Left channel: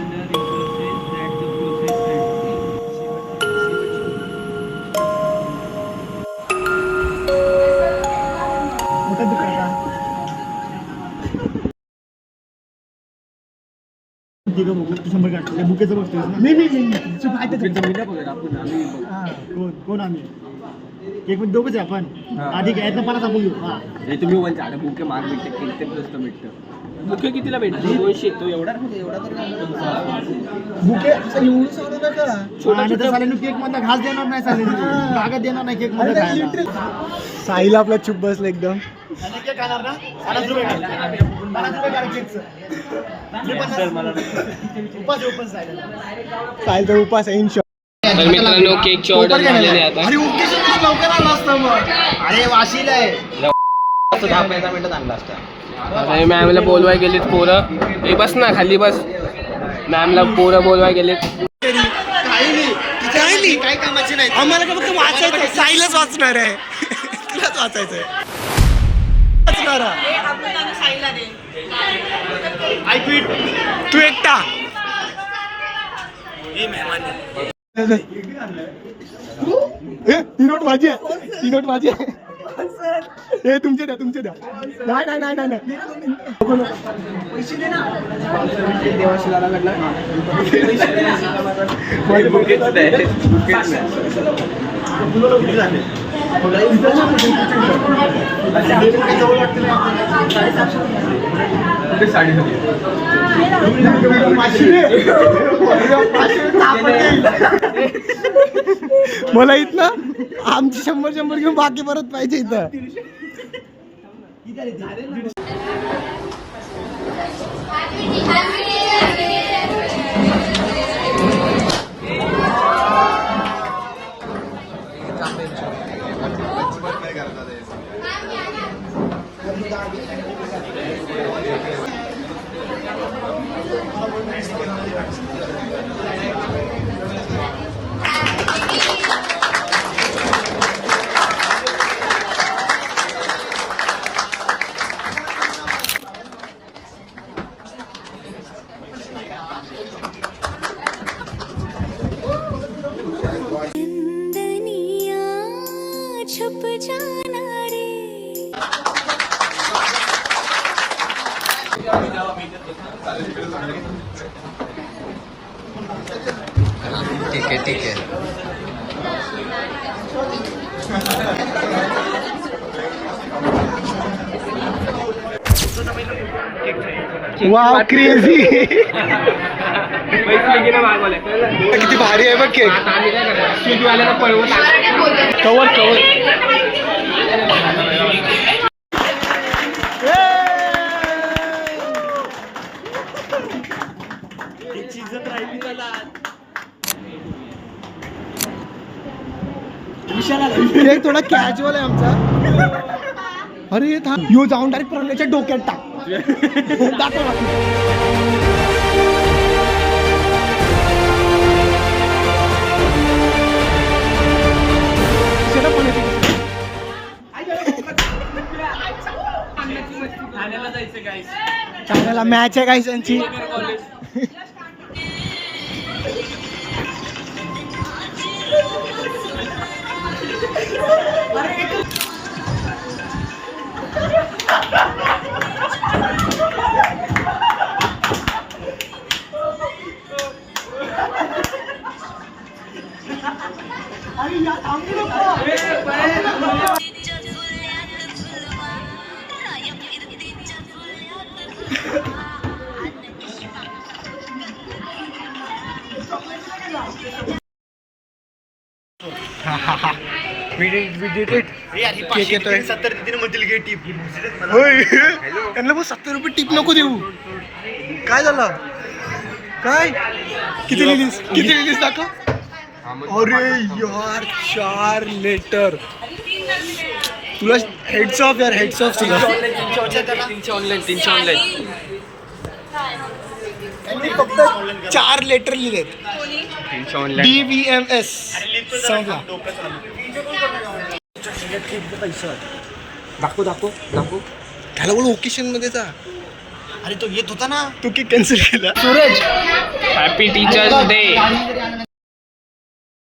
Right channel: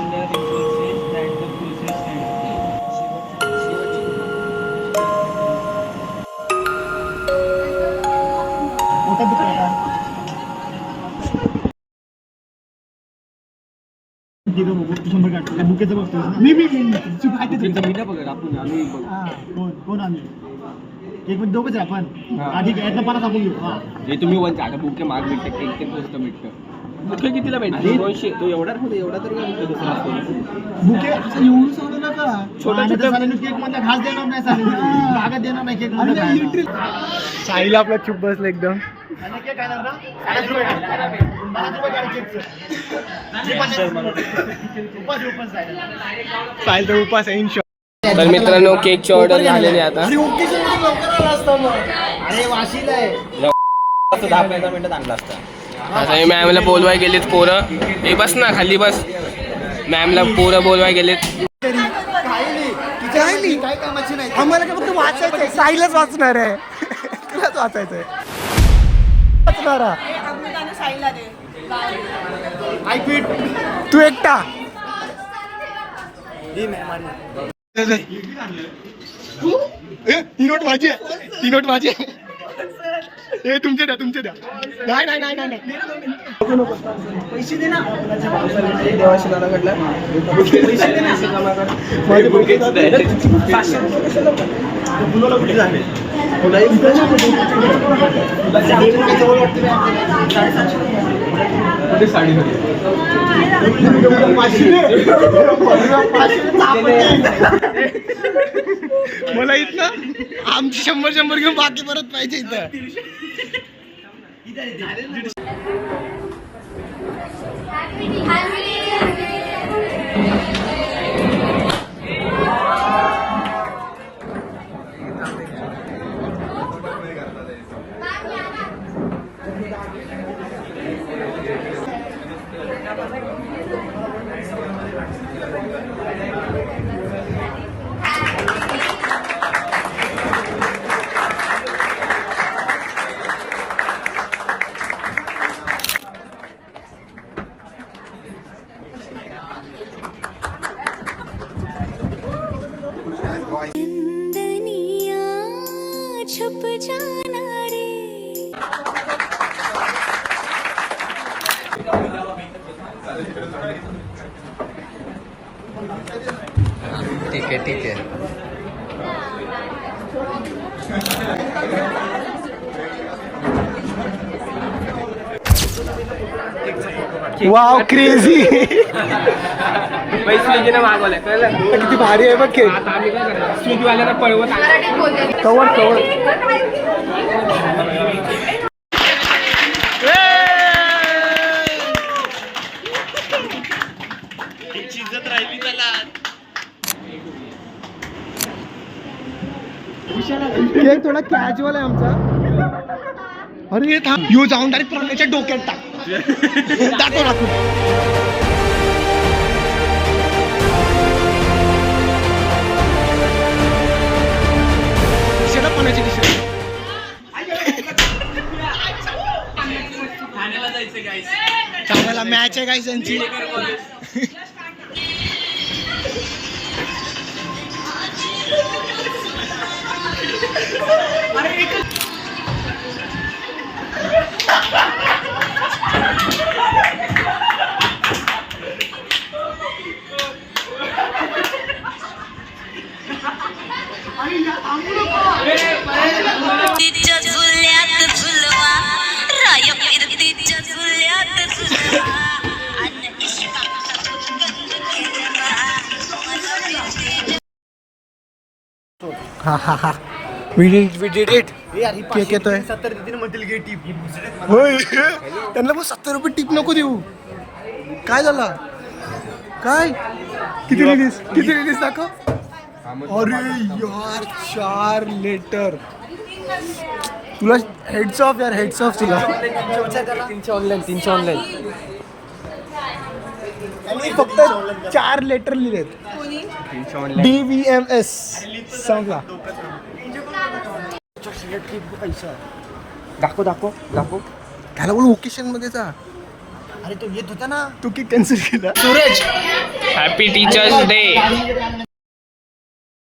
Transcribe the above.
wonder resources that the process can मोठा दुकान शंभर काढ बुकेचं बघतोय मी बघत आपण कोण आम्ही केक मध्ये दोघंच आहे आपण आधी यातनं 50 आपण घेऊ हा तुम्ही वन झाड बुके माग भेटते केक ते स्वस्त भेटतं बुके कितीला भेटते 200 तो एवढा तर बुके असं एवढं सांगू नका छोटा साल्यानं केक मध्ये घास देणार नाही साल्यानं कागद देणार नाही केक मध्ये खायला साहिल आपला चुप बसला एकदम केक खाणार ना 50 रुपये काढ 50 रुपये काढ केकचं साहिल तर उपास आहे इनशॉ तर मित्रांनो केकची ऑर्डर झालेली आहे आता अरे वाशीला आहे 10-15 मिनिटात आणला असता आता हे मॅमला बोलवाय गेलेत पोरं हे बस ना खाली बस मॅमला पोरं बोलवाय गेलेत काय कामाची नाही आम्हाला का फक्त वाचायचं साईलच वाचणार आहे तुलाच वाचायचं आहे तू एकटा ही नोट माझी आहे ही नोट माझी आहे हे तुमचे द्या नाही पैसे दे ना मला इथं आमची 100 घेऊन बाकी परत पाहिजे इथं छुप जाना रे ठीक है वाव क्रेझी पैसे घेणं मागवलं किती भारी आहे बघ केक आता आम्ही काय करणार स्वीटवाल्याला पळवत कवर केक थोडा कॅज्युअल आहे आमचा अरे थांब यो जाऊन डायरेक्ट प्रण्याच्या डोक्यात टाक दाखव पाण्याची ठाण्याला मॅच आहे गाईस यांची We did it. केक येतोय 70 देतील म्हणतील घे टिप त्यांना बघ 70 रुपये टिप नको देऊ काय झालं काय किती लिहिलीस दाखव अरे यार 4 लेटर तुला हेड्स ऑफ तुला 300 ऑनलाईन त्यांनी फक्त 4 लेटर लिहिलेत 300 ऑनलाईन DVMS सांगा पैसा दाखव त्याला बोल ओकेशन मध्ये जा अरे तो येत होता ना, तू की कॅन्सल केला. Happy teachers day.